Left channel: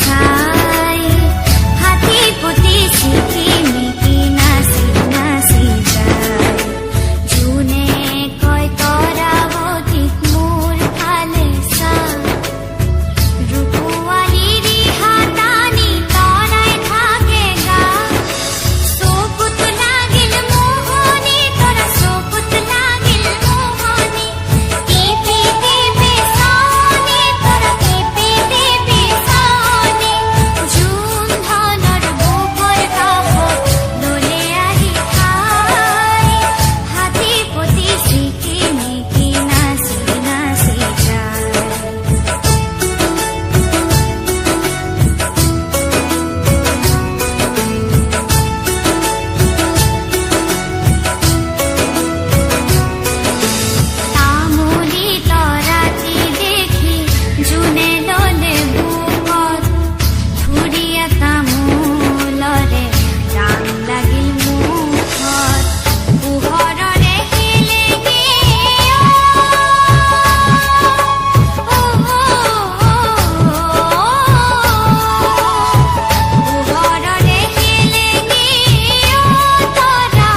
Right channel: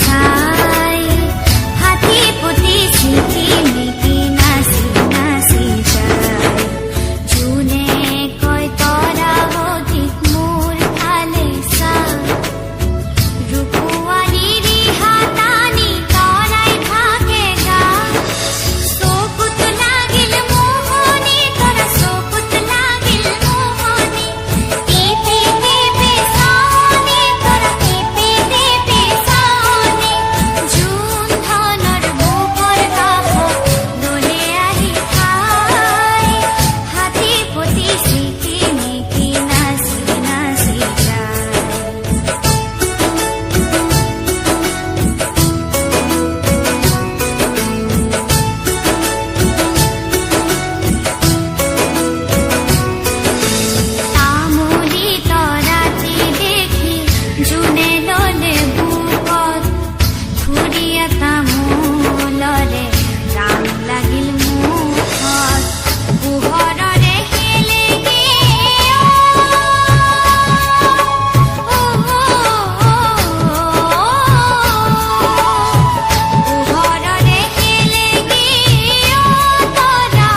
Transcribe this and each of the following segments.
চাই হাতী পতি ছিকিমিকি নাচি নাচি যায় জোনে কয় তৰাৱতীক মোৰ ফালে চা ৰূপোৱালী ৰিহা টানি তৰাই থাকে গা চকুত লাগিল মোহনী তৰা চকুত লাগিল মোহনী টিপি টিপি চাওনি তৰা টিপি টিপি চাওনি জোন ধনৰ বুকৰ কাষত ললে আহি ঠাই হাতী পতি ছিকিমিকি নাচি নাচি যায় জোনে ললে বুকত থুৰিয়া তামোলৰে ৰাং লাগিল মুখত পোহৰৰে হেলেঙি পোহৰৰে হেলেঙি তৰা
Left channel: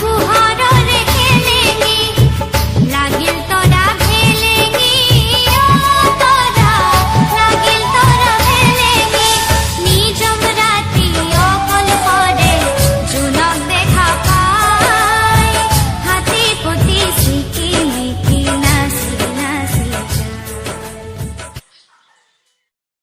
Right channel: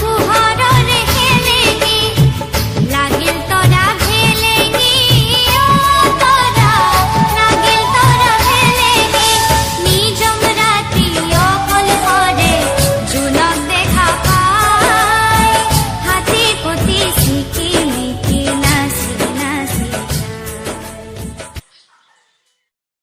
পোহৰৰে হেলেঙি লাগিল তৰা জোনক দেখা পাই হাতী পতি ছিকিমিকি নাচি নাচি